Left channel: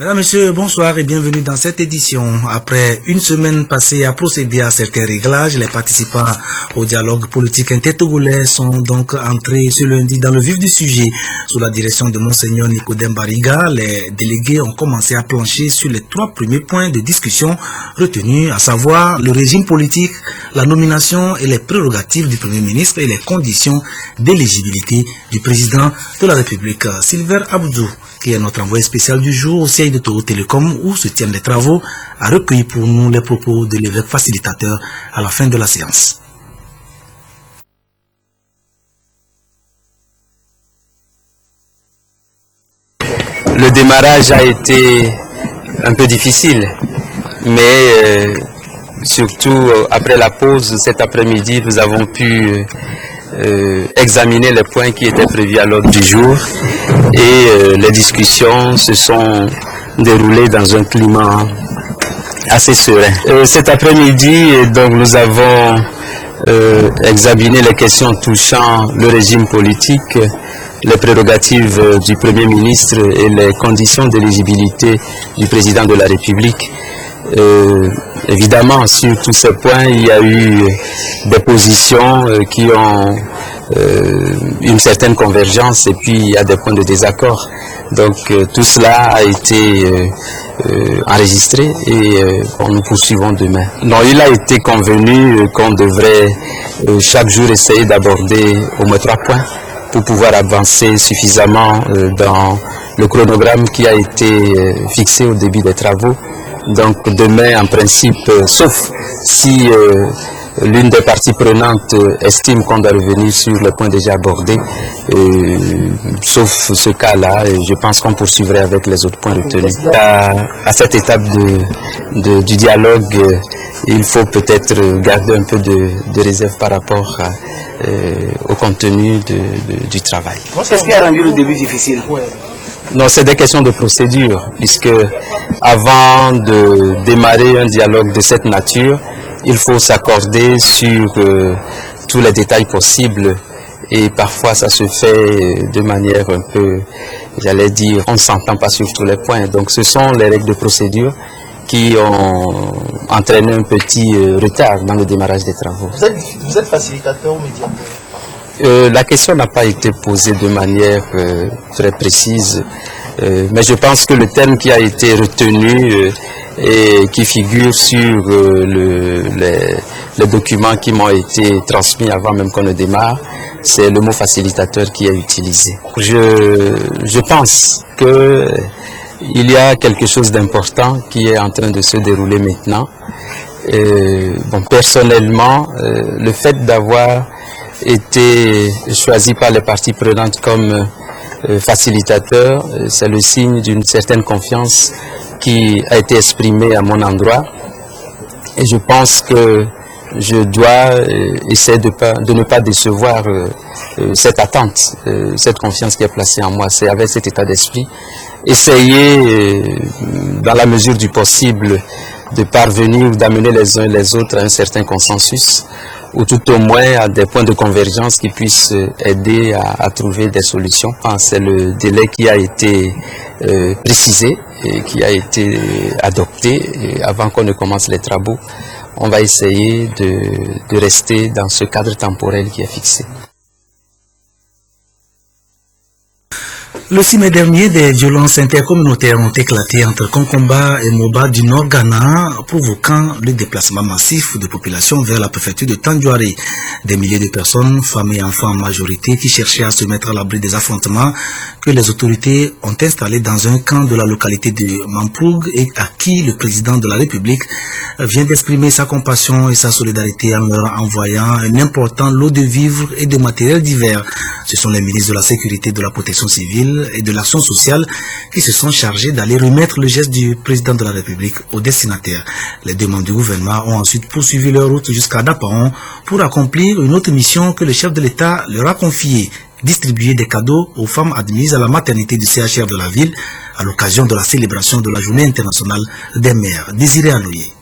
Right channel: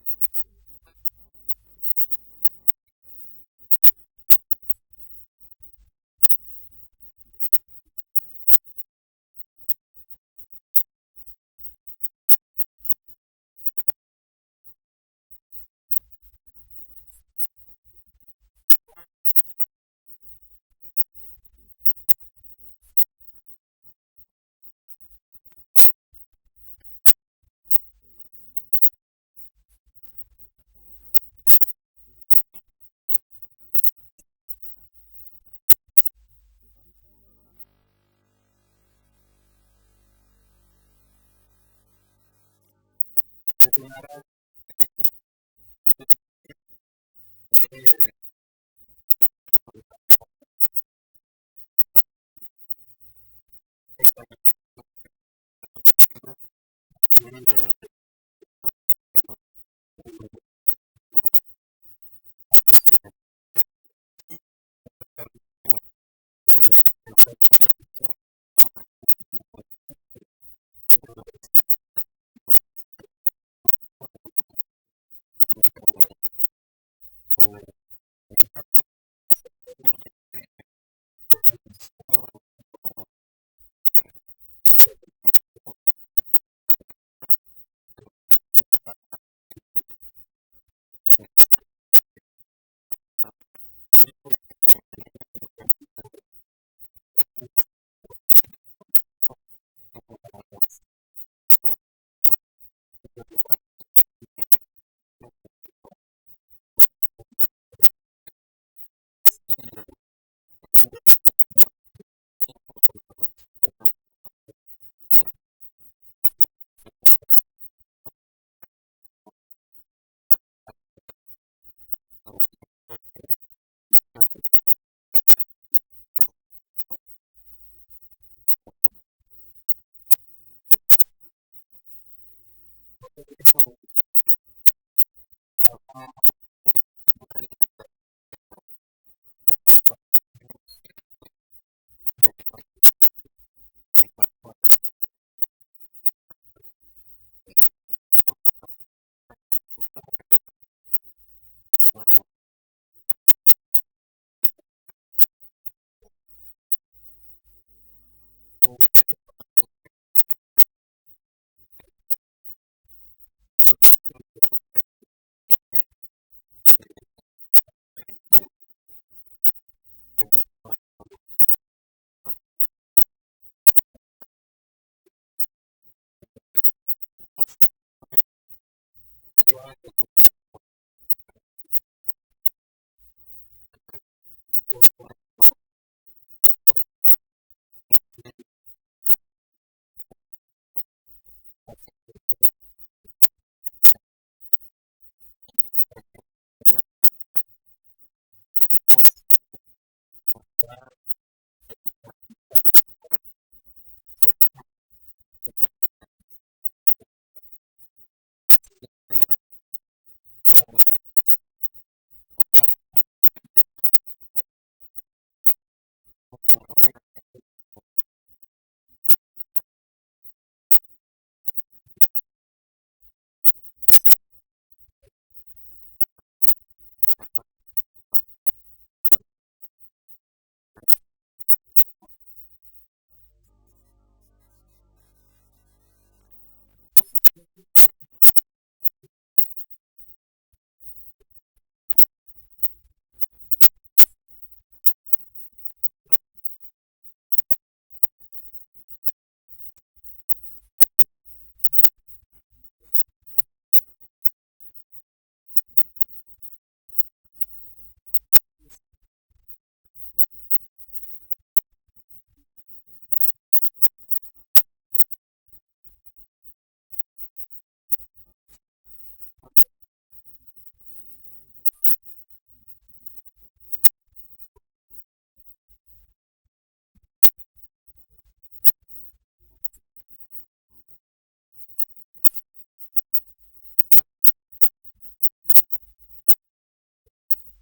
Mesdames, Messieurs, bonsoir et bienvenue dans cette édition. Après une semaine passée à procéder à certains réglages, les participants au dialogue politique intertogolais sont donc entrés ce lundi dans le vif du sujet. Sous la direction de Monseigneur Nicodème Bariga, les délégués ont commencé à plancher sur les 3 premiers points de discussion retenus, à savoir le régime politique, la nomination et les prérogatives du Premier ministre et les conditions d'éligibilité du président de la République. Silver Abdou, qui est notre envoyé spécial du jour au siège de Toro Télécom où se tiennent les travaux, a recueilli pour nous les propos de l'évêque facilitateur à la fin de la séance. Le démarrage a été un peu difficile, mais surtout après la pause cet après-midi, nous avons pu examiner les points qui étaient prévus à l'ordre du jour et les discussions se sont déroulées dans un climat assez serein. Cet après-midi, donc, nous avons examiné les questions touchant le régime politique, les prérogatives du Premier ministre et les conditions d'éligibilité du Président de la République. Évidemment, sur tous ces points, il y a eu des positions qui ont une certaine convergence et puis il y a des points de désaccord. Donc tout cela a été enregistré et nous poursuivons demain. Non, il a été convenu qu'on devrait chaque jour essayer d'aborder au moins 3 points pour pouvoir avancer suffisamment dans le chronogramme qui a été fixé au début des travaux. Donc demain, en principe, sauf si l'une des parties prenantes estime qu'on doit revenir sur le point déjà abordé, sauf ce cas-là, je pense qu'on poursuivrait avec les autres points retenus. À cette étape du dialogue, il faut peut-être garder un peu de réserve par rapport au contenu du travail. Qu'est-ce qui a rendu le début difficile? Non, c'est des questions de procédure, puisque avant de démarrer un dialogue de cette nature, il faut s'accorder sur tous les détails possibles et parfois ça se fait de manière un peu, j'allais dire, on ne s'entend pas sur tous les points. Donc ce sont les règles de procédure qui ont entraîné un petit retard dans le démarrage des travaux. Vous êtes facilitateur ou médiateur? La question n'a pas été posée de manière très précise, mais je pense que le terme qui a été retenu et qui figure sur les documents qui m'ont été transmis avant même qu'on ne démarre, c'est le mot facilitateur qui est utilisé. Je pense qu'il y a quelque chose d'important qui est en train de se dérouler maintenant. Bon, personnellement, le fait d'avoir été choisi par les parties prenantes comme facilitateur, c'est le signe d'une certaine confiance qui a été exprimée à mon endroit. Et je pense que je dois essayer de ne pas décevoir cette attente, cette confiance qui est placée en moi. C'est avec cet état d'esprit, essayer dans la mesure du possible de parvenir, d'amener les uns et les autres à un certain consensus, ou tout au moins à des points de convergence qui puissent aider à trouver des solutions. C'est le délai qui a été précisé et qui a été adopté et avant qu'on ne commence les travaux. On va essayer de rester dans ce cadre temporel qui est fixé. Le 6 mai dernier, des violences intercommunautaires ont éclaté entre Konkomba et Moba du Nord Ghana, provoquant le déplacement massif de population vers la préfecture de Tandjouaré. Des milliers de personnes, femmes et enfants en majorité, qui cherchaient à se mettre à l'abri des affrontements que les autorités ont installés dans un camp de la localité de Mampoug et à qui le président de la République vient d'exprimer sa compassion et sa solidarité en leur envoyant un important lot de vivres et de matériel divers. Ce sont les ministres de la Sécurité, de la Protection civile et de l'action sociale qui se sont chargés d'aller remettre le geste du président de la République aux destinataires. Les demandes du gouvernement ont ensuite poursuivi leur route jusqu'à Dapaon pour accomplir une autre mission que le chef de l'État leur a confiée, distribuer des cadeaux aux femmes admises à la maternité du CHR de la ville à l'occasion de la célébration de la Journée internationale des mères. Désiré Anoye.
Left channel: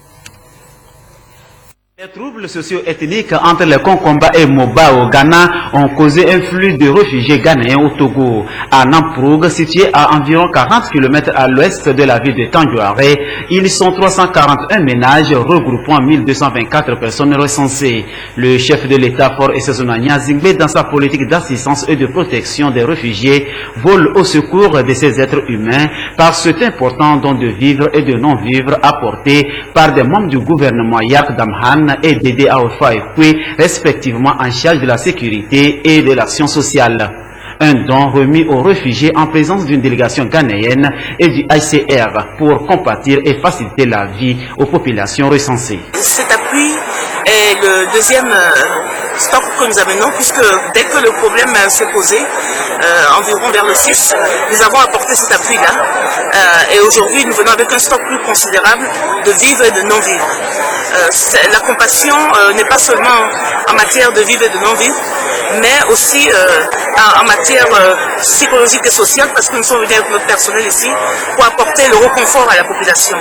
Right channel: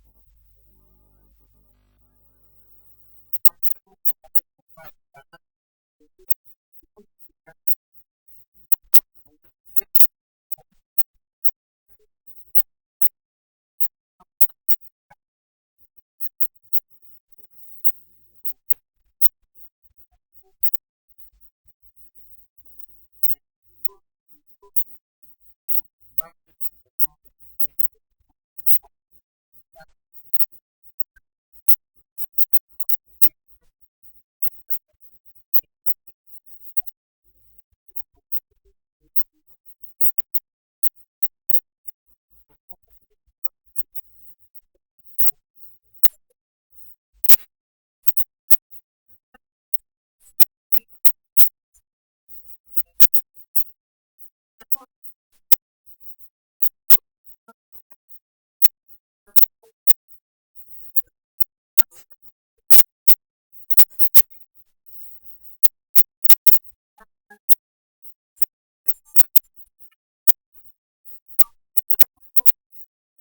Les troubles socio-ethniques entre les Konkomba et Moba au Ghana ont causé un flux de réfugiés ghanéens au Togo. À Namproug, situé à environ 40 km à l'ouest de la ville de Tandjouaré, ils sont 341 ménages regroupant 1224 personnes recensées. Le chef de l'État Fort et Sezonania Zingbe, dans sa politique d'assistance et de protection des réfugiés, vole au secours de ces êtres humains par cet important don de vivre et de non-vivre apporté par des membres du gouvernement Yark Damhan et Dédé Aofa Ekwe, respectivement en charge de la sécurité et de l'action sociale. Un don remis aux réfugiés en présence d'une délégation ghanéenne et du HCR pour compatir et faciliter la vie aux populations recensées. Cet appui est le deuxième stock que nous amenons, puisque dès que le problème s'est posé, environ vers le 6, nous avons apporté cet appui-là. Et aujourd'hui, nous venons avec un stock plus considérable de vivres et de non-vivres. La compassion n'est pas seulement en matière de vivre et de non-vivre, mais aussi en matière psychologique et sociale, parce que nous sommes venus avec notre personnel ici pour apporter le reconfort à la population.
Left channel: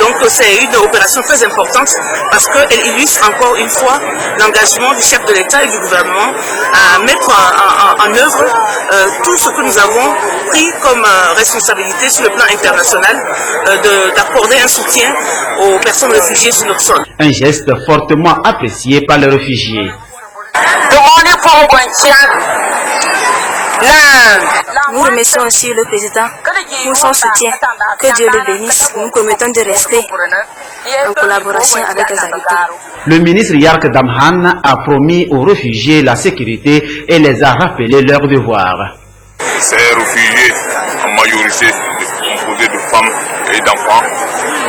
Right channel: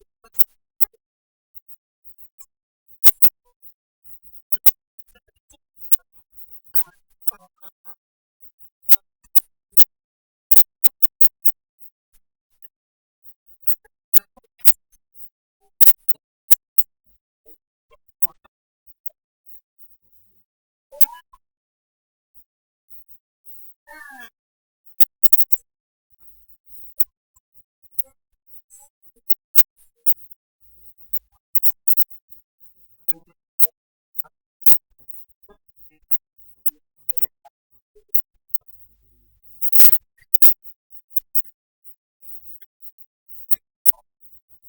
Donc c'est une opération très importante parce qu'elle illustre encore une fois l'engagement du chef de l'État et du gouvernement à mettre en œuvre tout ce que nous avons pris comme responsabilité sur le plan international, d'accorder un soutien aux personnes réfugiées sur notre sol. Un geste fortement apprécié par les réfugiés. Nous remercions aussi le président pour son soutien. Que Dieu le bénisse. Nous promettons de rester en collaboration avec les habitants. Le ministre Yark Damhan a promis aux réfugiés la sécurité et les a rappelé leurs devoirs. Ces réfugiés, en majorité composés de femmes et d'enfants,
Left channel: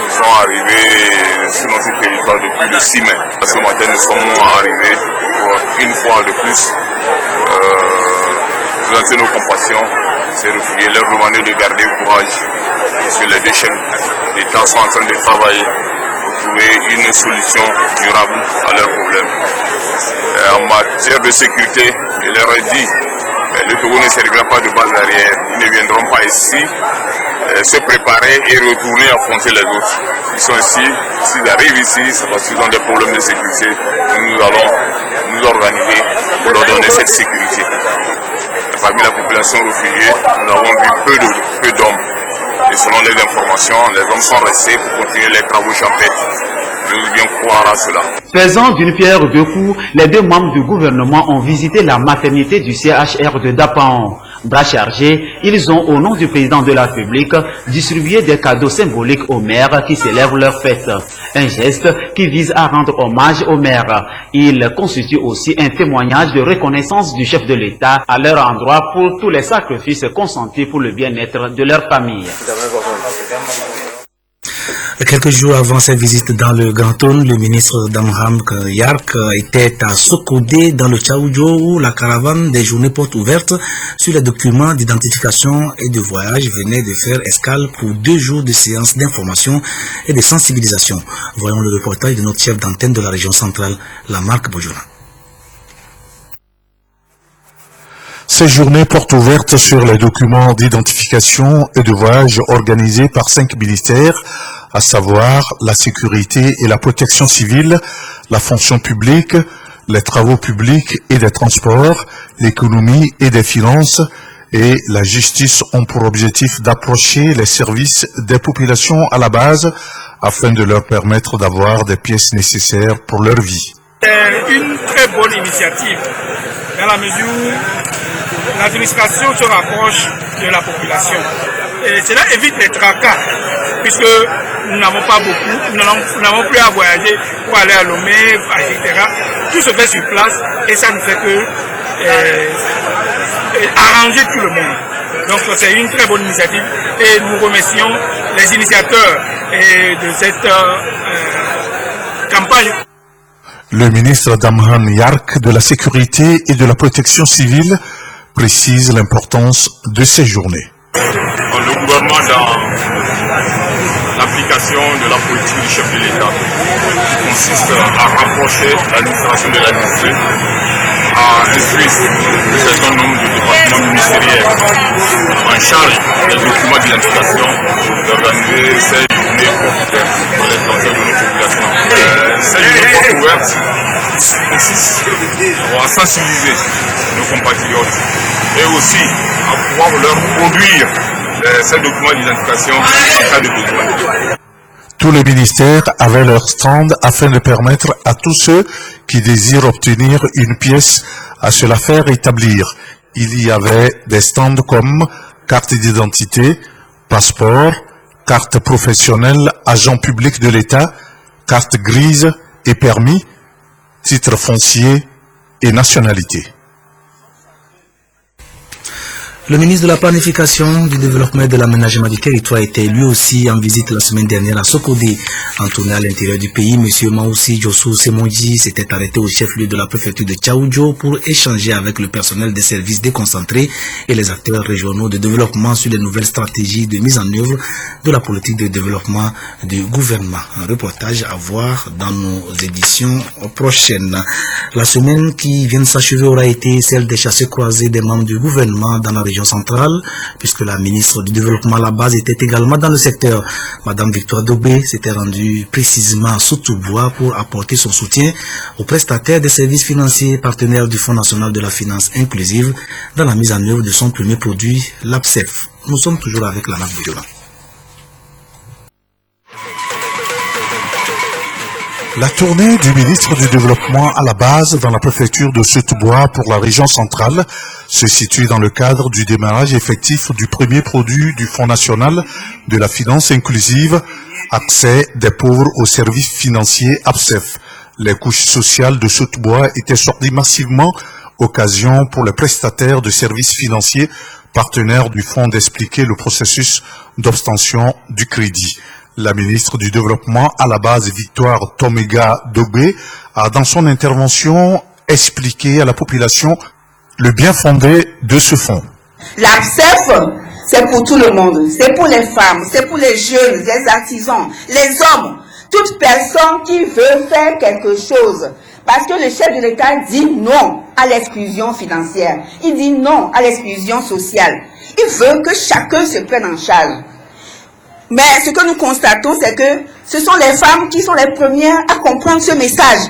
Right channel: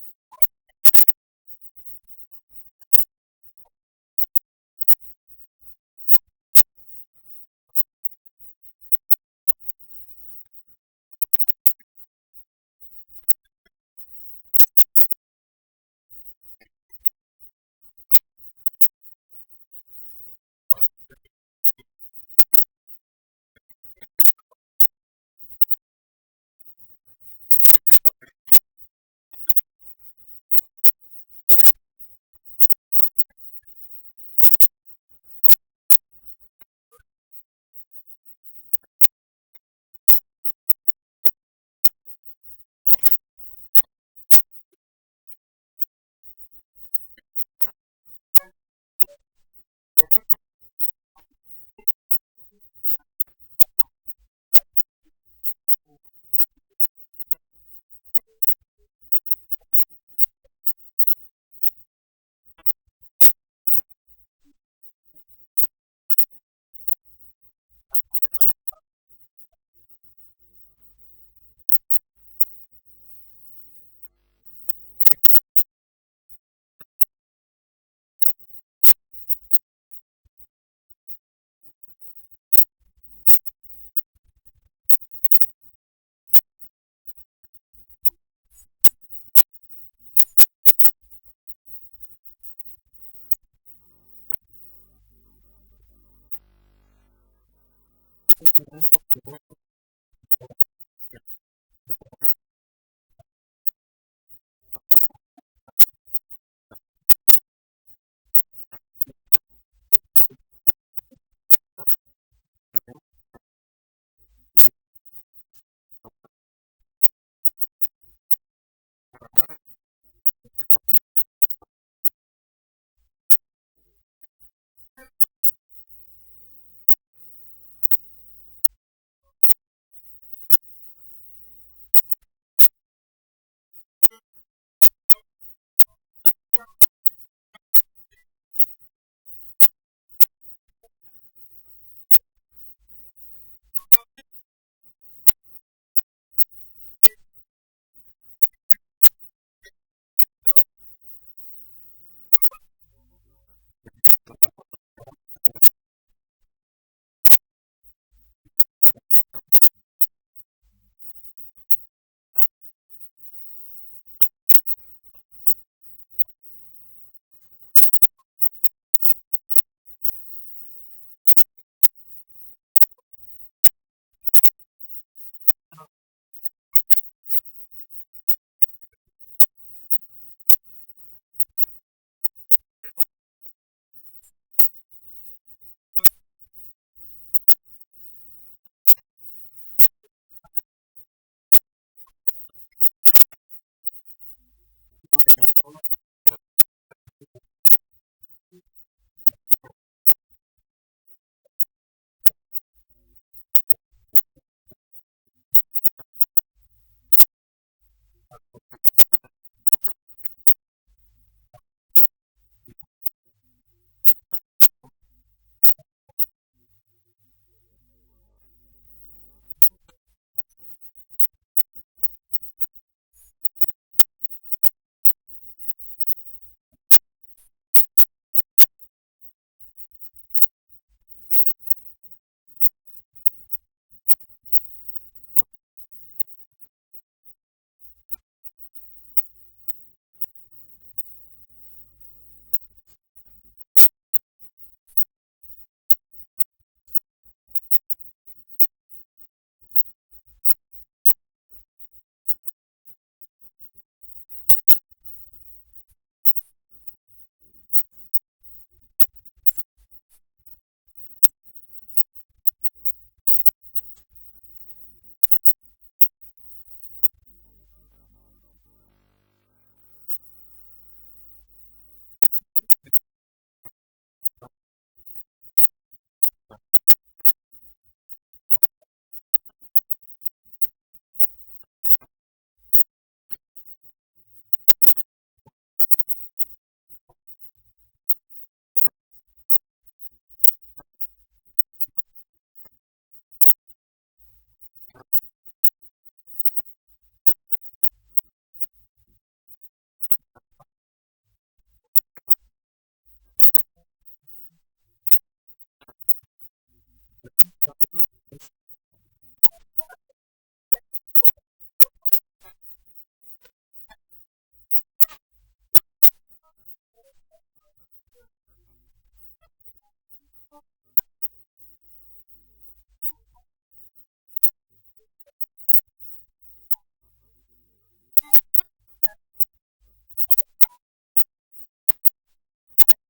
sont arrivés sur notre territoire depuis le 6 mai. Ce matin, nous sommes arrivés pour une fois de plus présenter nos compassions, ces réfugiés, leur demander de garder courage sur les déchets. Les États sont en train de travailler pour trouver une solution durable à leurs problèmes. En matière de sécurité, je leur ai dit, le Togo ne servira pas de base arrière. Ils ne viendront pas ici se préparer et retourner affronter les autres. Ils sont ici, s'ils arrivent ici, c'est parce qu'ils ont des problèmes de sécurité. Nous allons nous organiser pour leur donner cette sécurité. Parmi la population réfugiée, nous avons vu peu d'hommes. Et selon les informations, les hommes sont restés pour continuer les travaux champêtres. Je veux bien croire à cela. Faisant d'une pierre deux coups, les deux membres du gouvernement ont visité la maternité du CHR de Dapan. Bras chargés, ils ont, au nom du président de la République, distribué des cadeaux symboliques aux mères qui célèbrent leur fête. Un geste qui vise à rendre hommage aux mères. Il constitue aussi un témoignage de reconnaissance du chef de l'État à leur endroit pour tous les sacrifices consentis pour le bien-être de leur famille. Quelques jours avant sa visite dans le Grand Trône, le ministre Damhan Yark était à Sokodé dans le Tchaoudjo où la caravane des journées portes ouvertes sur les documents d'identification et de voyage venait de faire escale pour 2 jours de séances d'information et de sensibilisation. Voyons le reportage de notre chef d'antenne de la région centrale, Lamarck Bojona. Ces journées portent ouvertes sur les documents d'identification et de voyage organisés par 5 ministères, à savoir la sécurité et la protection civile, la fonction publique, les travaux publics et des transports, l'économie et des finances et la justice ont pour objectif d'approcher les services des populations à la base afin de leur permettre d'avoir des pièces nécessaires pour leur vie. C'est une très bonne initiative dans la mesure où l'administration se rapproche de la population. Et cela évite les tracas, puisque nous n'avons pas beaucoup, nous n'avons plus à voyager pour aller à Lomé, etc. Tout se fait sur place et ça ne fait que arranger tout le monde. Donc c'est une très bonne initiative et nous remercions les initiateurs de cette campagne. Le ministre Damhan Yark de la Sécurité et de la Protection civile précise l'importance de ces journées. Le gouvernement, dans l'application de la politique du chef de l'État, qui consiste à rapprocher l'administration de l'administré, a instruit un certain nombre de départements ministériels en charge des documents d'identification d'organiser ces journées pour les transferts de nos populations. Cette journée porte ouverte consiste à sensibiliser nos compatriotes et aussi à pouvoir leur produire ces documents d'identification en cas de besoin. Tous les ministères avaient leur stand afin de permettre à tous ceux qui désirent obtenir une pièce à se la faire établir. Il y avait des stands comme carte d'identité, passeport, carte professionnelle, agent public de l'État, carte grise et permis, titre foncier et nationalité. Le ministre de la Planification, du Développement et de l'Aménagement du Territoire était lui aussi en visite la semaine dernière à Sokodé. En tournée à l'intérieur du pays, M. Maoussi Djossou Semonji s'était arrêté au chef-lieu de la préfecture de Tchaoudjo pour échanger avec le personnel des services déconcentrés et les acteurs régionaux de développement sur les nouvelles stratégies de mise en œuvre de la politique de développement du gouvernement. Un reportage à voir dans nos éditions prochaines. La semaine qui vient de s'achever aura été celle des chassés croisés des membres du gouvernement dans la région centrale, puisque la ministre du Développement à la base était également dans le secteur. Madame Victoire Dobé s'était rendue précisément à Soutoubois pour apporter son soutien aux prestataires des services financiers partenaires du Fonds national de la finance inclusive dans la mise en œuvre de son premier produit, l'APSEF. Nous sommes toujours avec la NAF Biola. La tournée du ministre du Développement à la base dans la préfecture de Soutoubois pour la région centrale se situe dans le cadre du démarrage effectif du premier produit du Fonds national de la finance inclusive, accès des pauvres aux services financiers APSEF. Les couches sociales de Soutoubois étaient sorties massivement, occasion pour les prestataires de services financiers partenaires du Fonds d'expliquer le processus d'obtention du crédit. La ministre du Développement à la base, Victoire Tomega Dobé, a dans son intervention expliqué à la population le bien fondé de ce fonds. L'APSEF, c'est pour tout le monde. C'est pour les femmes, c'est pour les jeunes, les artisans, les hommes, toute personne qui veut faire quelque chose. Parce que le chef de l'État dit non à l'exclusion financière. Il dit non à l'exclusion sociale. Il veut que chacun se prenne en charge. Mais ce que nous constatons, c'est que ce sont les femmes qui sont les premières à comprendre ce message.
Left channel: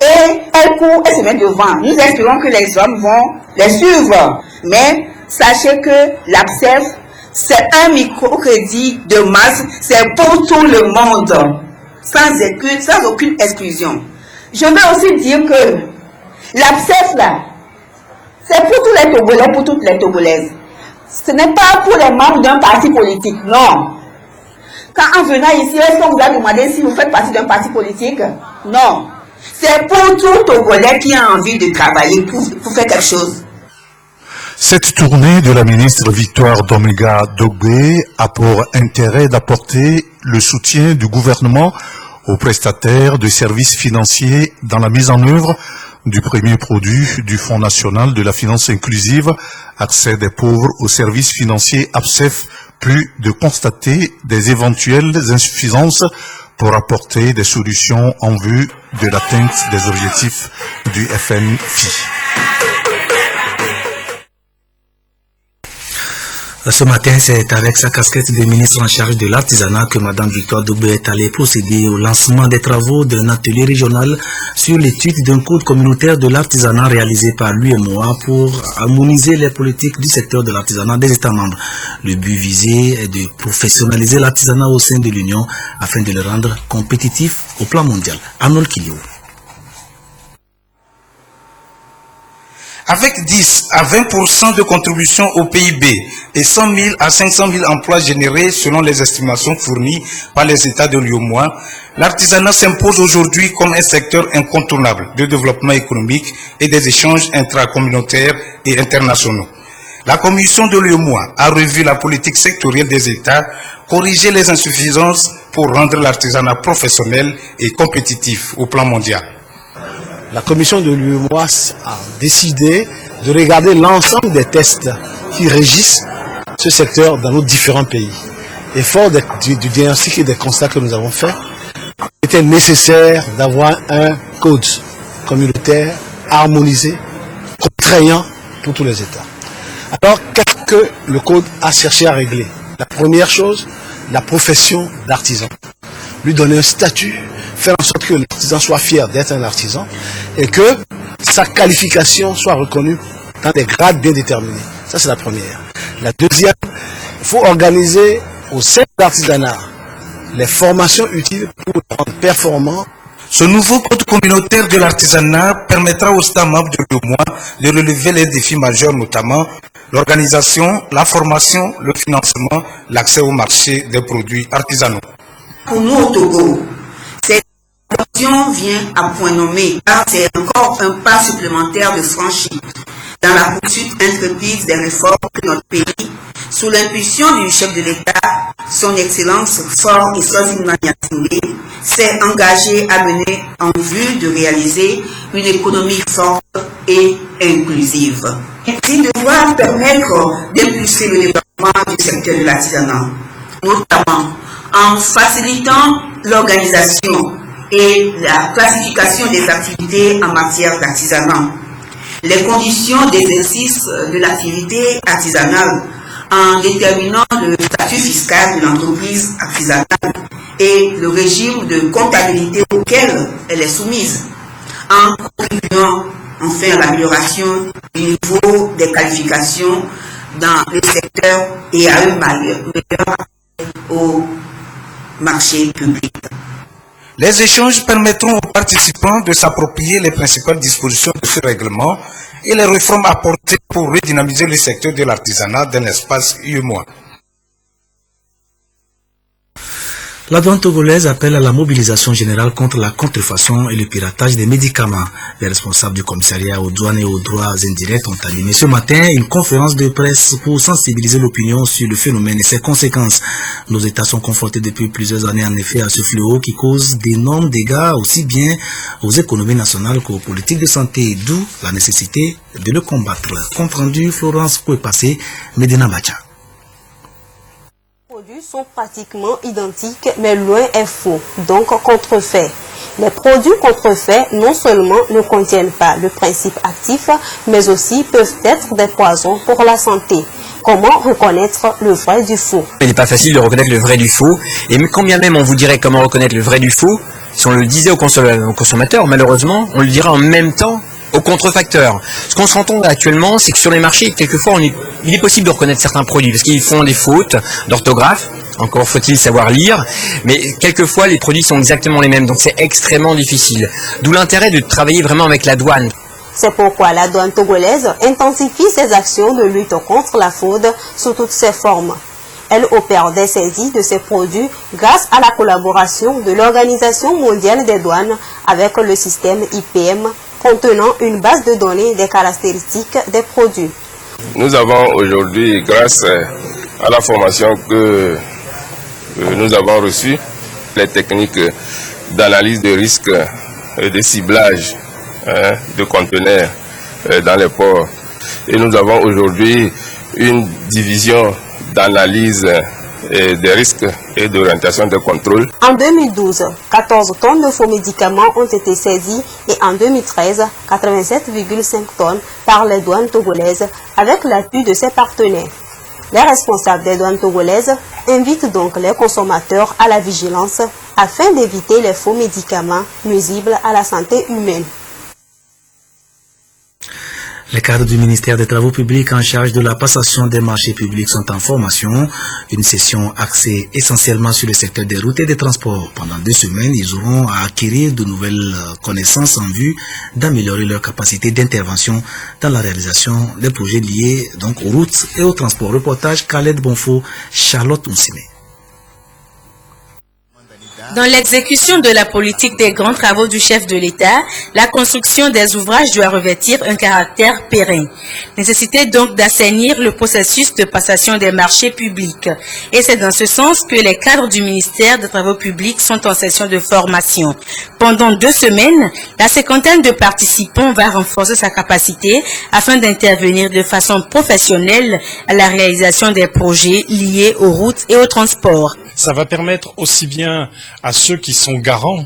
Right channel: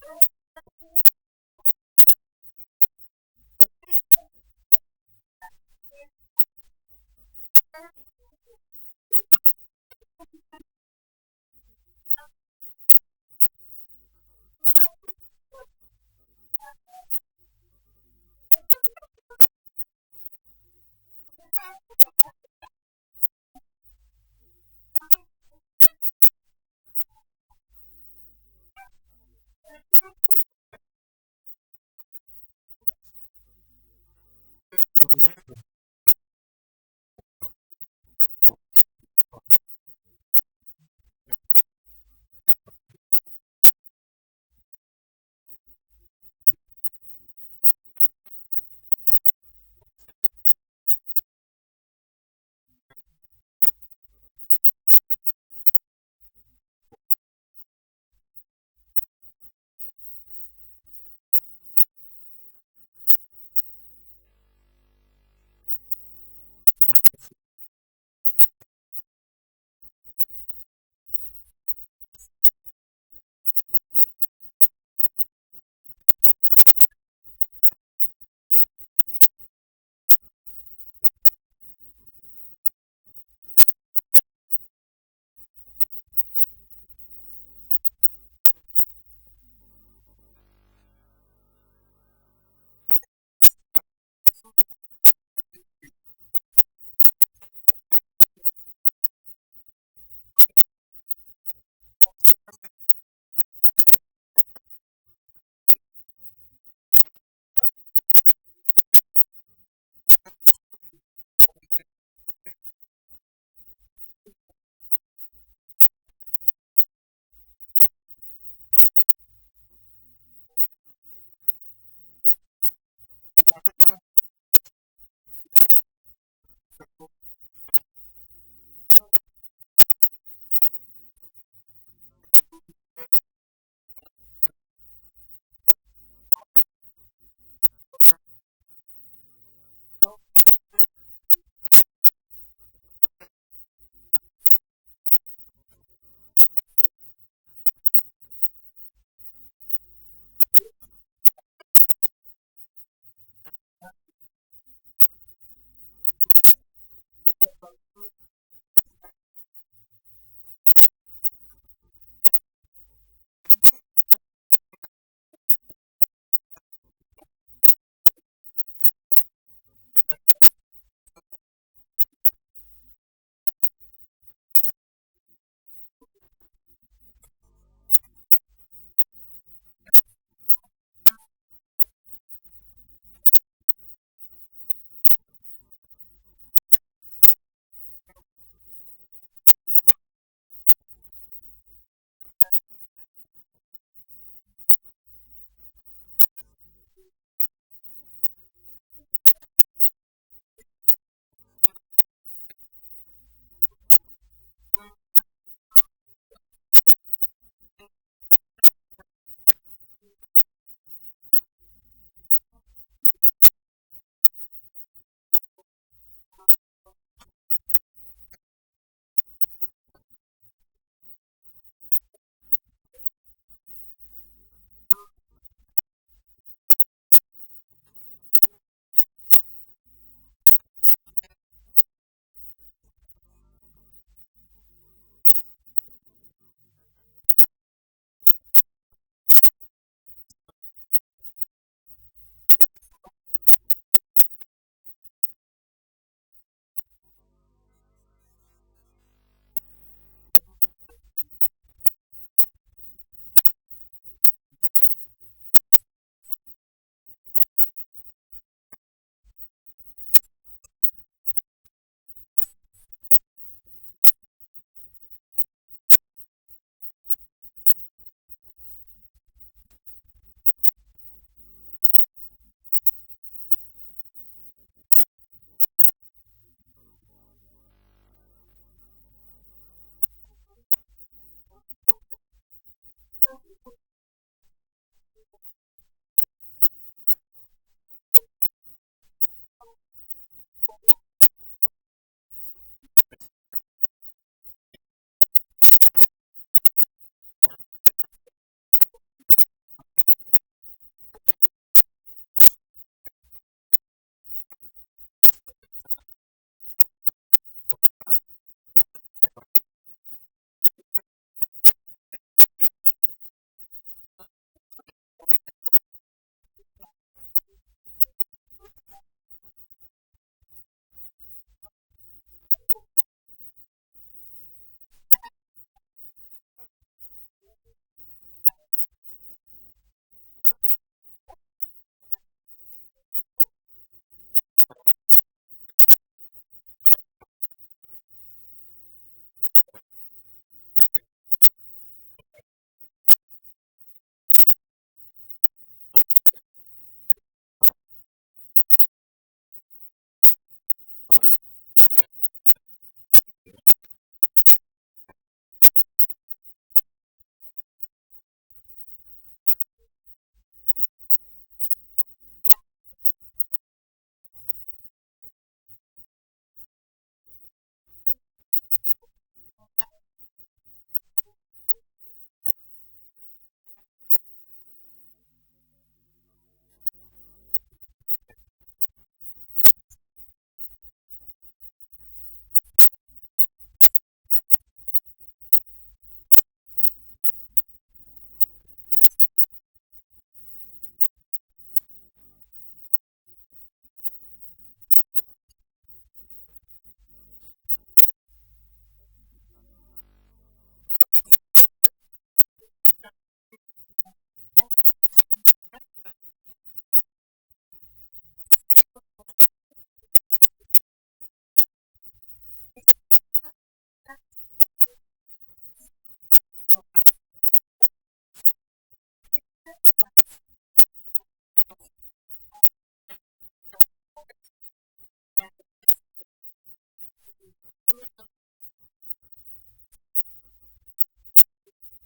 Et elles courent et se mettent devant. Nous espérons que les hommes vont les suivre. Mais sachez que l'APSEF, c'est un microcrédit de masse, c'est pour tout le monde, sans aucune exclusion. Je veux aussi dire que l'APSEF, là, c'est pour tous les Togolais, pour toutes les Togolaises. Ce n'est pas pour les membres d'un parti politique, non. Quand en venant ici, est-ce qu'on vous a demandé si vous faites partie d'un parti politique? Non. C'est pour tout Togolais qui a envie de travailler pour faire quelque chose. Cette tournée de la ministre Victoire Tomega Dobé a pour intérêt d'apporter le soutien du gouvernement aux prestataires de services financiers dans la mise en œuvre du premier produit du Fonds national de la finance inclusive, accès des pauvres aux services financiers APSEF, puis de constater des éventuelles insuffisances pour apporter des solutions en vue de l'atteinte des objectifs du FNFI. Ce matin, c'est avec sa casquette de ministre en charge de l'artisanat que Mme Victoire Dobé est allée procéder au lancement des travaux d'un atelier régional sur l'étude d'un code communautaire de l'artisanat réalisé par l'UMOA pour harmoniser les politiques du secteur de l'artisanat des États membres. Le but visé est de professionnaliser l'artisanat au sein de l'Union afin de le rendre compétitif au plan mondial. Arnold Kilio. Avec 10 à 20% de contribution au PIB et 100 000 à 500 000 emplois générés selon les estimations fournies par les États de l'UEMOA, l'artisanat s'impose aujourd'hui comme un secteur incontournable de développement économique et des échanges intracommunautaires et internationaux. La Commission de l'UEMOA a revu la politique sectorielle des États, corrigé les insuffisances pour rendre l'artisanat professionnel et compétitif au plan mondial. La commission de l'UEMOA a décidé de regarder l'ensemble des tests qui régissent ce secteur dans nos différents pays. Et fort du diagnostic et des constats que nous avons faits, il était nécessaire d'avoir un code communautaire harmonisé, contraignant pour tous les États. Alors, qu'est-ce que le code a cherché à régler? La première chose, la profession d'artisan. Lui donner un statut, faire en sorte que l'artisan soit fier d'être un artisan et que sa qualification soit reconnue dans des grades bien déterminés. Ça, c'est la première. La deuxième, il faut organiser au sein de l'artisanat les formations utiles pour le rendre performant. Ce nouveau code communautaire de l'artisanat permettra aux États membres de l'UEMOA de relever les défis majeurs, notamment l'organisation, la formation, le financement, l'accès au marché des produits artisanaux. Pour nous au Togo, cette adoption vient à point nommé, car c'est encore un pas supplémentaire de franchi dans la poursuite intrépide des réformes que notre pays, sous l'impulsion du chef de l'État, son Excellence Faure Eswazini Gnassingbé, s'est engagé à mener en vue de réaliser une économie forte et inclusive. Il devra permettre d'impulser le développement du secteur de l'artisanat, notamment en facilitant l'organisation et la classification des activités en matière d'artisanat, les conditions d'exercice de l'activité artisanale en déterminant le statut fiscal de l'entreprise artisanale et le régime de comptabilité auquel elle est soumise, en contribuant enfin à l'amélioration du niveau des qualifications dans le secteur et à un meilleur au marché public. Les échanges permettront aux participants de s'approprier les principales dispositions de ce règlement et les réformes apportées pour redynamiser le secteur de l'artisanat dans l'espace UEMOA. La douane togolaise appelle à la mobilisation générale contre la contrefaçon et le piratage des médicaments. Les responsables du commissariat aux douanes et aux droits indirects ont animé ce matin une conférence de presse pour sensibiliser l'opinion sur le phénomène et ses conséquences. Nos États sont confrontés depuis plusieurs années en effet à ce fléau qui cause d'énormes dégâts aussi bien aux économies nationales qu'aux politiques de santé, d'où la nécessité de le combattre. Compte rendu Florence Kouepassé, Medina Bacha. Les produits sont pratiquement identiques, mais loin est faux, donc contrefait. Les produits contrefaits non seulement ne contiennent pas le principe actif, mais aussi peuvent être des poisons pour la santé. Comment reconnaître le vrai du faux? Il n'est pas facile de reconnaître le vrai du faux, et quand bien même on vous dirait comment reconnaître le vrai du faux, si on le disait aux consommateurs, malheureusement, on le dirait en même temps aux contrefacteurs. Ce qu'on se rend compte actuellement, c'est que sur les marchés, quelquefois, il est possible de reconnaître certains produits, parce qu'ils font des fautes d'orthographe, encore faut-il savoir lire, mais quelquefois, les produits sont exactement les mêmes, donc c'est extrêmement difficile. D'où l'intérêt de travailler vraiment avec la douane. C'est pourquoi la douane togolaise intensifie ses actions de lutte contre la fraude sous toutes ses formes. Elle opère des saisies de ces produits grâce à la collaboration de l'Organisation mondiale des douanes avec le système IPM, contenant une base de données des caractéristiques des produits. Nous avons aujourd'hui, grâce à la formation que nous avons reçue, les techniques d'analyse de risque et de ciblage de conteneurs dans les ports. Et nous avons aujourd'hui une division d'analyse des risques et d'orientation de contrôle. En 2012, 14 tonnes de faux médicaments ont été saisies et en 2013, 87,5 tonnes par les douanes togolaises avec l'appui de ses partenaires. Les responsables des douanes togolaises invitent donc les consommateurs à la vigilance afin d'éviter les faux médicaments nuisibles à la santé humaine. Les cadres du ministère des Travaux publics en charge de la passation des marchés publics sont en formation. Une session axée essentiellement sur le secteur des routes et des transports. Pendant 2 semaines, ils auront à acquérir de nouvelles connaissances en vue d'améliorer leur capacité d'intervention dans la réalisation des projets liés donc aux routes et aux transports. Reportage Khaled Bonfo, Charlotte Oussime. Dans l'exécution de la politique des grands travaux du chef de l'État, la construction des ouvrages doit revêtir un caractère pérenne. Nécessité donc d'assainir le processus de passation des marchés publics. Et c'est dans ce sens que les cadres du ministère des Travaux publics sont en session de formation. Pendant 2 semaines, la cinquantaine de participants va renforcer sa capacité afin d'intervenir de façon professionnelle à la réalisation des projets liés aux routes et aux transports. Ça va permettre aussi bien à ceux qui sont garants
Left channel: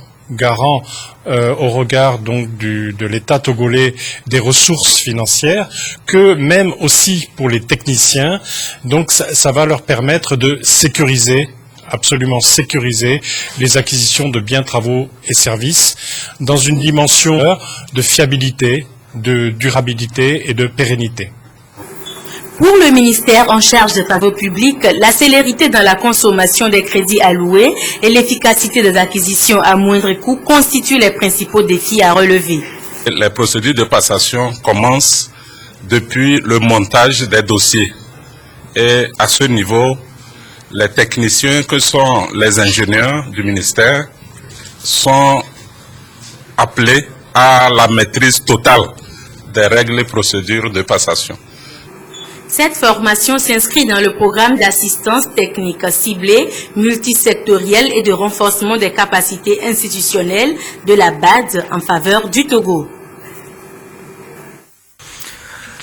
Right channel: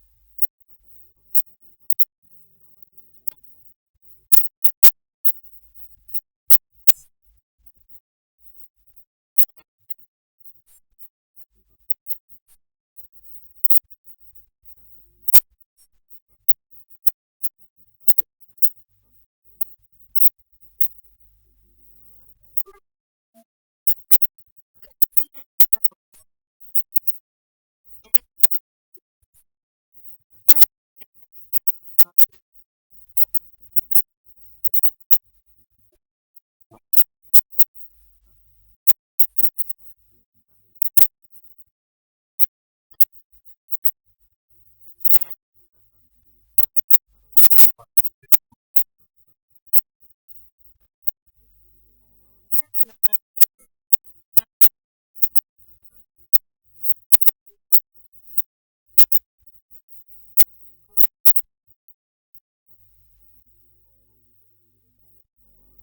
au regard donc de l'État togolais des ressources financières, que même aussi pour les techniciens. Donc ça va leur permettre de sécuriser absolument sécuriser les acquisitions de biens, travaux et services dans une dimension de fiabilité, de durabilité et de pérennité. Pour le ministère en charge des travaux publics, la célérité dans la consommation des crédits alloués et l'efficacité des acquisitions à moindre coût constituent les principaux défis à relever. Les procédures de passation commencent depuis le montage des dossiers. Et à ce niveau, les techniciens que sont les ingénieurs du ministère sont appelés à la maîtrise totale des règles et procédures de passation. Cette formation s'inscrit dans le programme d'assistance technique ciblée, multisectorielle et de renforcement des capacités institutionnelles de la BAD en faveur du Togo.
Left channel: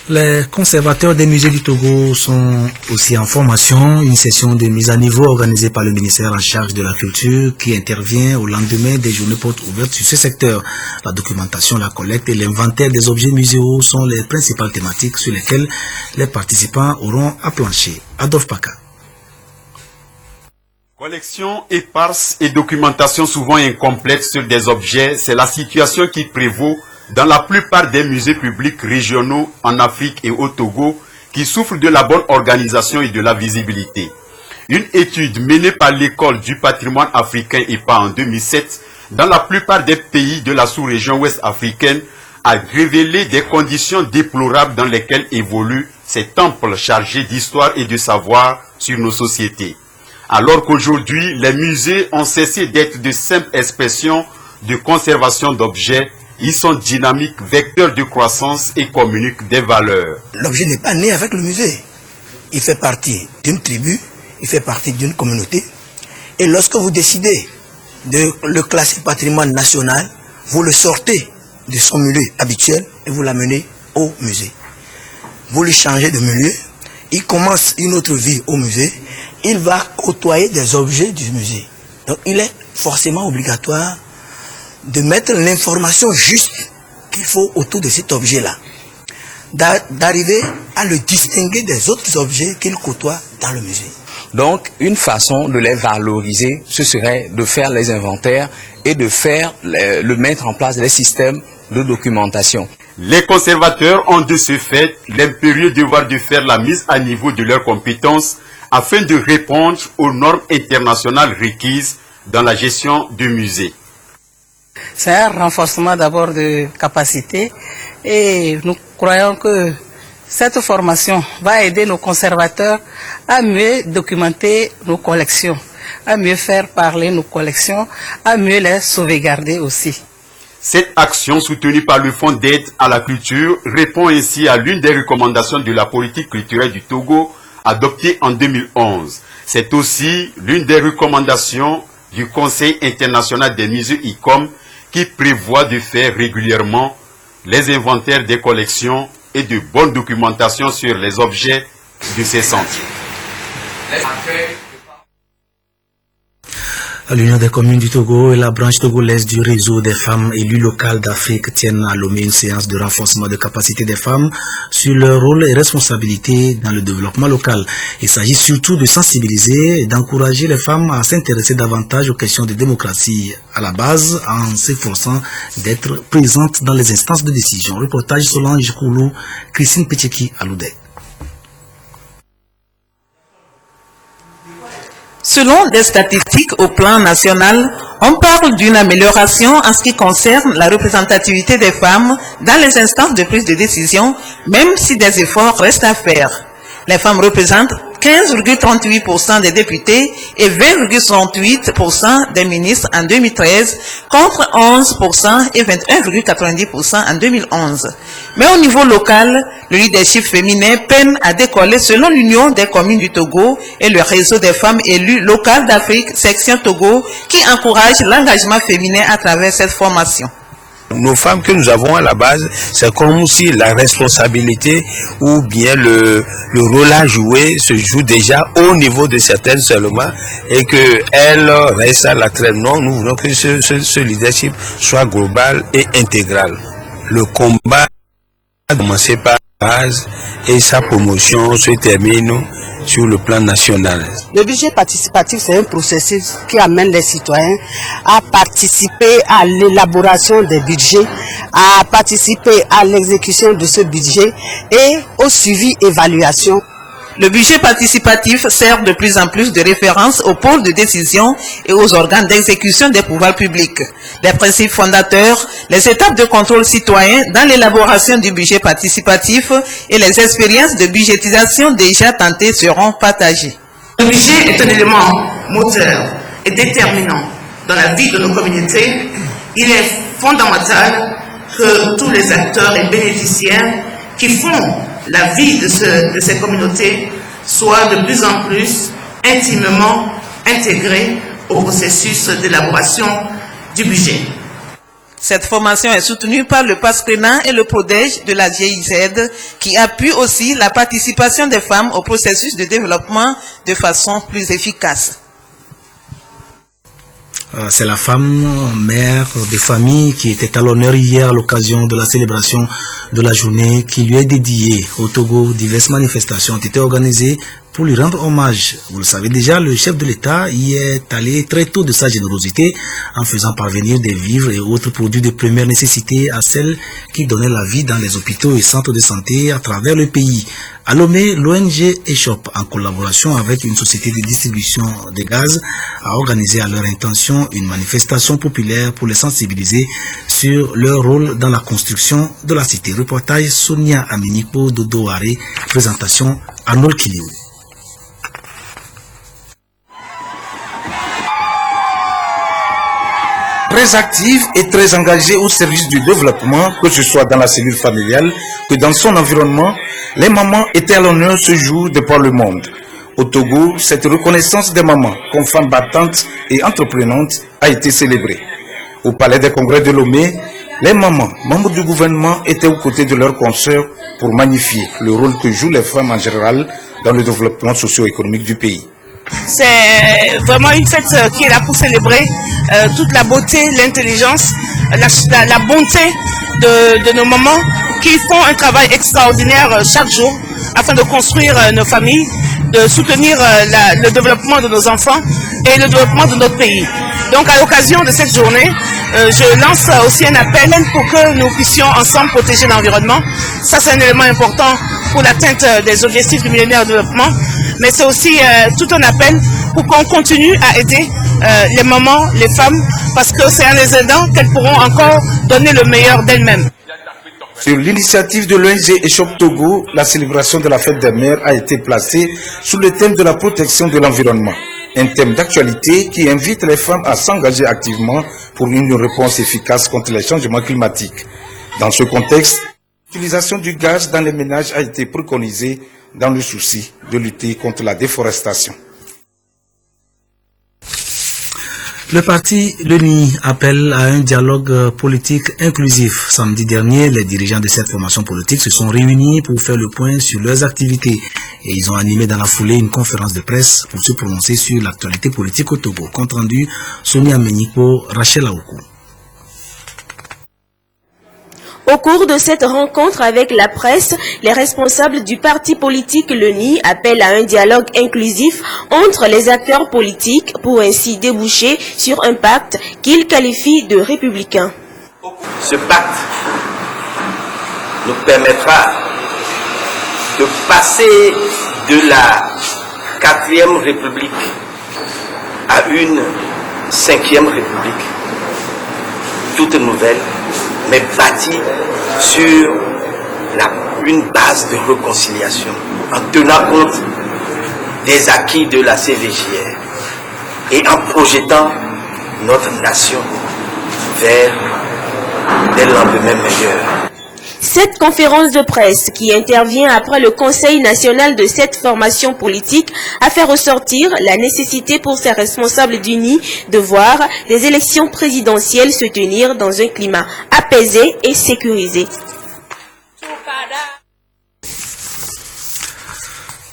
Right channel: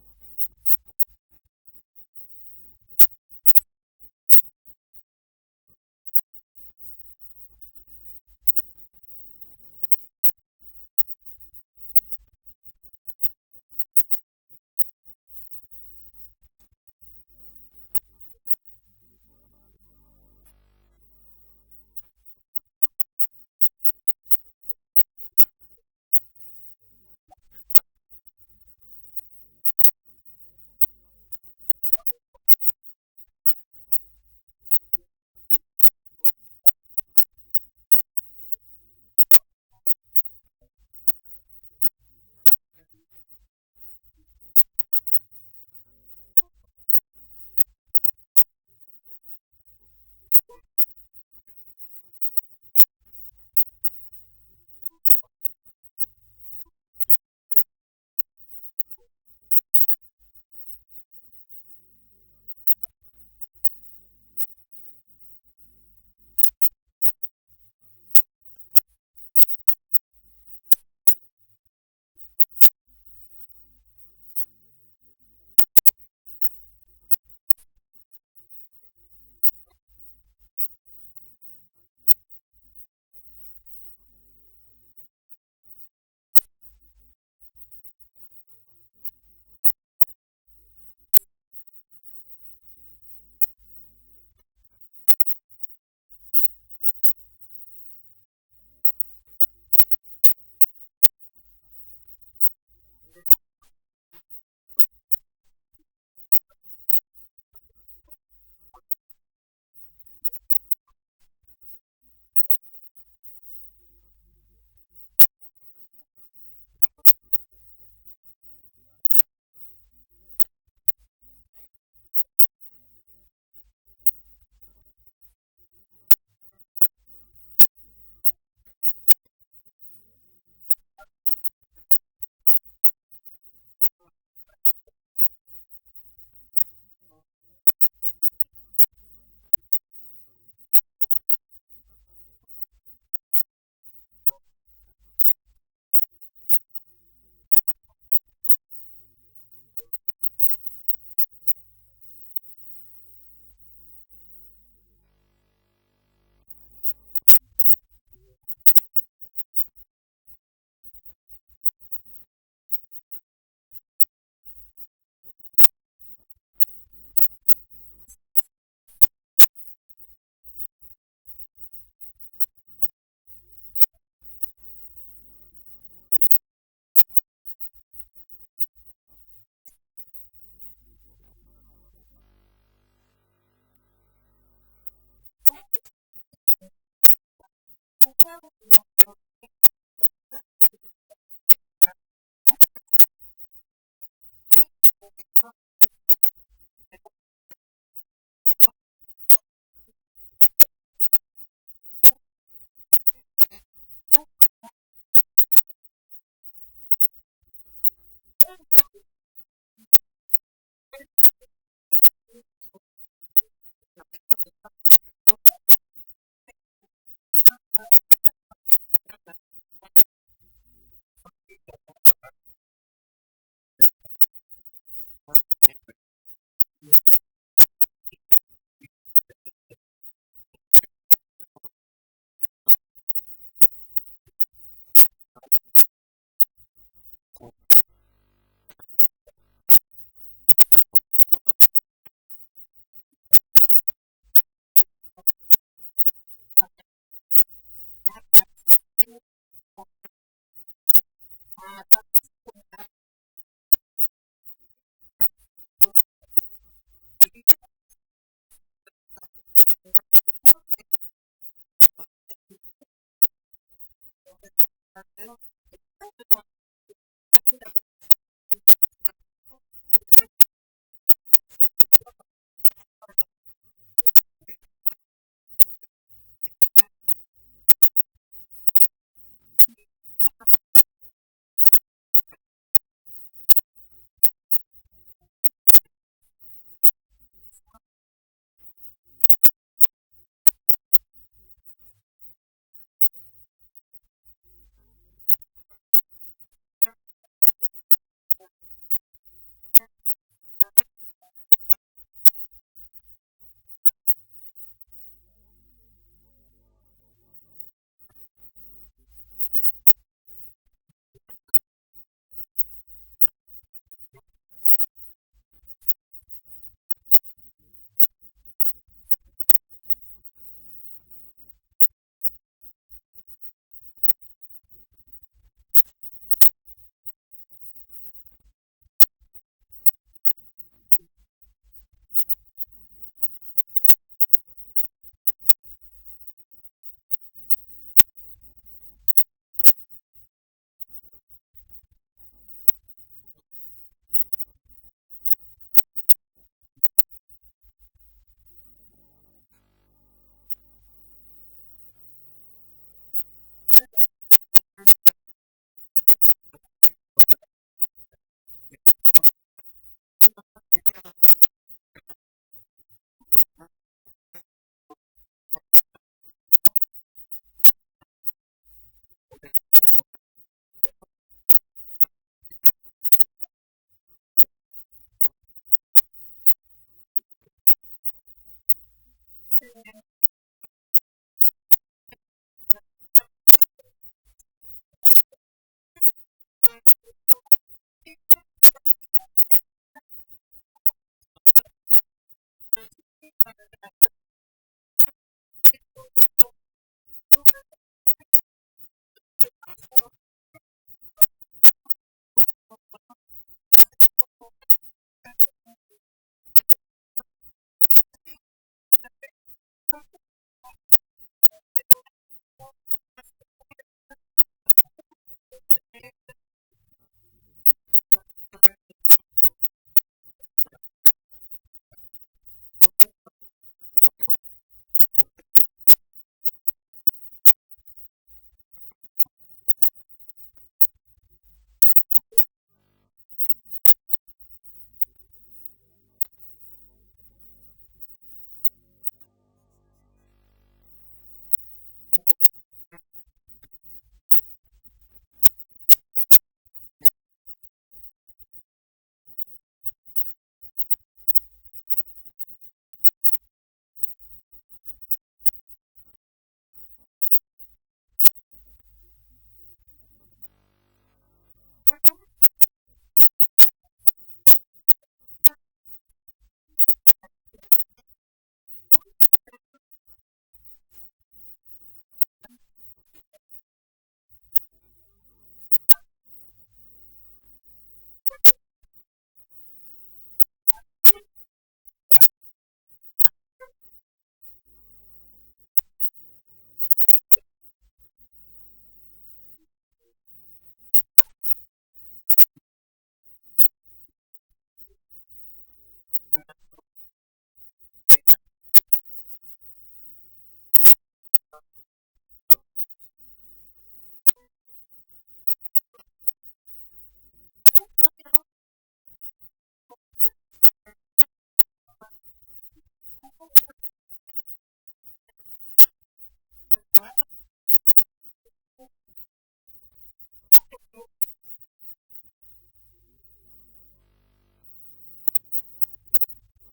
Les conservateurs des musées du Togo sont aussi en formation. Une session de mise à niveau organisée par le ministère en charge de la culture qui intervient au lendemain des journées portes ouvertes sur ce secteur. La documentation, la collecte et l'inventaire des objets muséaux sont les principales thématiques sur lesquelles les participants auront à plancher. Adolphe Paka. Collection éparse et documentation souvent incomplète sur des objets, c'est la situation qui prévaut dans la plupart des musées publics régionaux en Afrique et au Togo qui souffrent de la bonne organisation et de la visibilité. Une étude menée par l'école du patrimoine africain EPA en 2007 dans la plupart des pays de la sous-région ouest africaine a révélé des conditions déplorables dans lesquelles évoluent ces temples chargés d'histoire et de savoir sur nos sociétés. Alors qu'aujourd'hui, les musées ont cessé d'être de simples expressions de conservation d'objets. Ils sont dynamiques, vecteurs de croissance et communiquent des valeurs. L'objet n'est pas né avec le musée. Il fait partie d'une tribu, il fait partie d'une communauté. Et lorsque vous décidez de le classer patrimoine national, vous le sortez de son milieu habituel et vous l'amenez au musée. Vous le changez de milieu, il commence une autre vie au musée, il va côtoyer des objets du musée. Donc il est forcément obligatoire de mettre l'information juste qu'il faut autour de cet objet-là, d'arriver à le distinguer des autres objets qu'il côtoie dans le musée. Donc, une façon de les valoriser, ce serait de faire les inventaires et de faire mettre en place des systèmes de documentation. Les conservateurs ont de ce fait l'impérieux devoir de faire la mise à niveau de leurs compétences afin de répondre aux normes internationales requises dans la gestion de musées. C'est un renforcement d'abord de capacité et nous croyons que cette formation va aider nos conservateurs à mieux documenter nos collections, à mieux faire parler nos collections, à mieux les sauvegarder aussi. Cette action soutenue par le Fonds d'aide à la culture répond ainsi à l'une des recommandations de la politique culturelle du Togo adoptée en 2011. C'est aussi l'une des recommandations du Conseil international des musées ICOM qui prévoit de faire régulièrement les inventaires des collections et de bonne documentation sur les objets de ces centres. L'Union des communes du Togo et la branche togolaise du réseau des femmes élues locales d'Afrique tiennent à Lomé une séance de renforcement de capacité des femmes sur leur rôle et responsabilité dans le développement local. Il s'agit surtout de sensibiliser et d'encourager les femmes à s'intéresser davantage aux questions de démocratie à la base en s'efforçant d'être présentes dans les instances de décision. Reportage Solange Koulou, Christine Petcheki à Loudé. Selon des statistiques au plan national, on parle d'une amélioration en ce qui concerne la représentativité des femmes dans les instances de prise de décision, même si des efforts restent à faire. Les femmes représentent 15,38% des députés et 20,68% des ministres en 2013, contre 11% et 21,90% en 2011. Mais au niveau local, le leadership féminin peine à décoller selon l'Union des communes du Togo et le réseau des femmes élues locales d'Afrique, section Togo, qui encourage l'engagement féminin à travers cette formation. Nos femmes que nous avons à la base, c'est comme si la responsabilité ou bien le rôle à jouer se joue déjà au niveau de certaines seulement et qu'elles restent à la traîne. Non, nous voulons que ce leadership soit global et intégral. Le combat a commencé par la base et sa promotion se termine sur le plan national. Le budget participatif, c'est un processus qui amène les citoyens à participer à l'élaboration des budgets, à participer à l'exécution de ce budget et au suivi et évaluation. Le budget participatif sert de plus en plus de référence aux pôles de décision et aux organes d'exécution des pouvoirs publics. Les principes fondateurs, les étapes de contrôle citoyen dans l'élaboration du budget participatif et les expériences de budgétisation déjà tentées seront partagées. Le budget est un élément moteur et déterminant dans la vie de nos communautés. Il est fondamental que tous les acteurs et bénéficiaires qui font la vie de ces communautés soit de plus en plus intimement intégrée au processus d'élaboration du budget. Cette formation est soutenue par le PASCRENA et le PRODEJ de la GIZ qui appuient aussi la participation des femmes au processus de développement de façon plus efficace. C'est la femme, mère de famille qui était à l'honneur hier à l'occasion de la célébration de la journée qui lui est dédiée. Au Togo, diverses manifestations ont été organisées pour lui rendre hommage. Vous le savez déjà, le chef de l'État y est allé très tôt de sa générosité en faisant parvenir des vivres et autres produits de première nécessité à celles qui donnaient la vie dans les hôpitaux et centres de santé à travers le pays. À Lomé, l'ONG ESHOP, en collaboration avec une société de distribution de gaz, a organisé à leur intention une manifestation populaire pour les sensibiliser sur leur rôle dans la construction de la cité. Reportage Sonia Aminiko Dodoare, présentation Arnold Kiliou. Très active et très engagée au service du développement, que ce soit dans la cellule familiale que dans son environnement, les mamans étaient à l'honneur ce jour de par le monde. Au Togo, cette reconnaissance des mamans comme femmes battantes et entreprenantes a été célébrée. Au palais des congrès de Lomé, les mamans, membres du gouvernement, étaient aux côtés de leurs consoeurs pour magnifier le rôle que jouent les femmes en général dans le développement socio-économique du pays. C'est vraiment une fête qui est là pour célébrer toute la beauté, l'intelligence, la bonté de nos mamans qui font un travail extraordinaire chaque jour afin de construire nos familles, de soutenir le développement de nos enfants et le développement de notre pays. Donc à l'occasion de cette journée, je lance aussi un appel pour que nous puissions ensemble protéger l'environnement. Ça, c'est un élément important pour l'atteinte des objectifs du millénaire de développement. Mais c'est aussi tout un appel pour qu'on continue à aider les mamans, les femmes, parce que c'est en les aidant qu'elles pourront encore donner le meilleur d'elles-mêmes. Sur l'initiative de l'ONG ESHOP Togo, la célébration de la fête des mères a été placée sous le thème de la protection de l'environnement. Un thème d'actualité qui invite les femmes à s'engager activement pour une réponse efficace contre les changements climatiques. Dans ce contexte, l'utilisation du gaz dans les ménages a été préconisée dans le souci de lutter contre la déforestation. Le parti LENI appelle à un dialogue politique inclusif. Samedi dernier, les dirigeants de cette formation politique se sont réunis pour faire le point sur leurs activités et ils ont animé dans la foulée une conférence de presse pour se prononcer sur l'actualité politique au Togo. Compte rendu, Sonia Meniko, Rachel Aoukou. Au cours de cette rencontre avec la presse, les responsables du parti politique LENI appellent à un dialogue inclusif entre les acteurs politiques pour ainsi déboucher sur un pacte qu'ils qualifient de républicain. Ce pacte nous permettra de passer de la 4e République à une 5e République, toute nouvelle, mais bâtie sur une base de réconciliation, en tenant compte des acquis de la CVJR et en projetant notre nation vers des lendemains meilleurs. Cette conférence de presse, qui intervient après le Conseil national de cette formation politique, a fait ressortir la nécessité pour ses responsables d'UNI de voir les élections présidentielles se tenir dans un climat apaisé et sécurisé.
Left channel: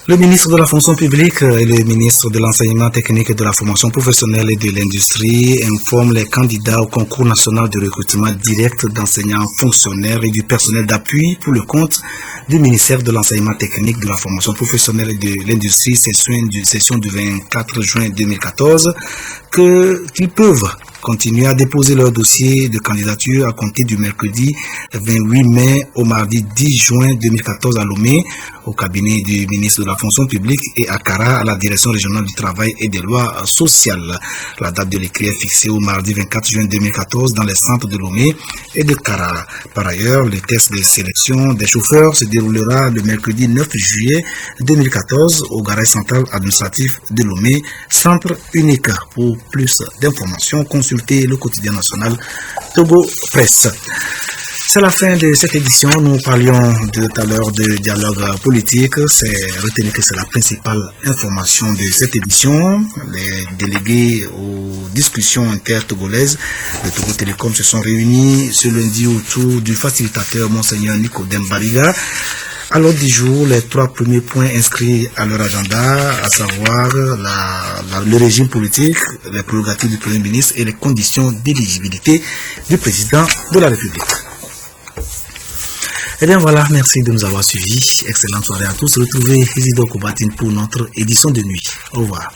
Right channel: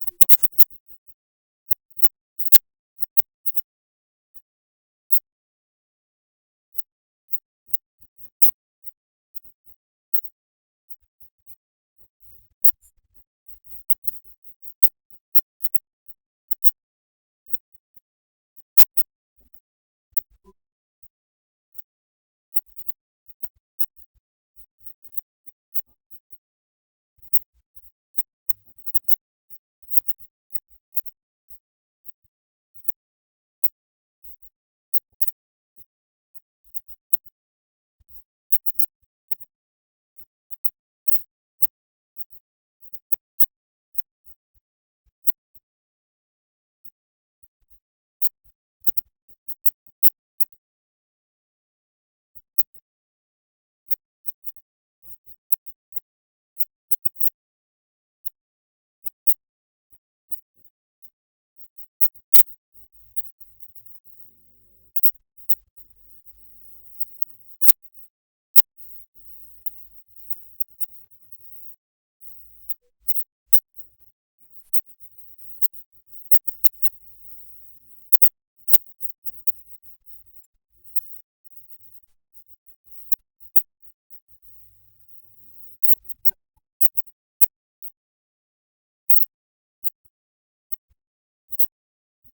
Le ministre de la fonction publique et le ministre de l'enseignement technique et de la formation professionnelle et de l'industrie informent les candidats au concours national de recrutement direct d'enseignants fonctionnaires et du personnel d'appui pour le compte du ministère de l'enseignement technique, de la formation professionnelle et de l'industrie, session du 24 juin 2014, qu'ils peuvent continuer à déposer leur dossier de candidature à compter du mercredi 28 mai au mardi 10 juin 2014 à Lomé, au cabinet du ministre de la fonction publique, et à Kara, à la direction régionale du travail et des lois sociales. La date de l'écrit est fixée au mardi 24 juin 2014 dans les centres de Lomé et de Kara. Par ailleurs, le test de sélection des chauffeurs se déroulera le mercredi 9 juillet 2014 au garage central administratif de Lomé, centre unique. Pour plus d'informations, consultez le quotidien national Togo Presse. C'est la fin de cette édition. Nous parlions tout à l'heure de dialogue politique. Retenez que c'est la principale information de cette édition. Les délégués aux discussions intertogolaises de Togo Télécom se sont réunis ce lundi autour du facilitateur Monseigneur Nicodème Bariga. À l'ordre du jour, les 3 premiers points inscrits à leur agenda, à savoir le régime politique, les prérogatives du Premier ministre et les conditions d'éligibilité du président de la République. Eh bien voilà, merci de nous avoir suivis. Excellente soirée à tous. Retrouvez Isidore Kobatine pour notre édition de nuit. Au revoir.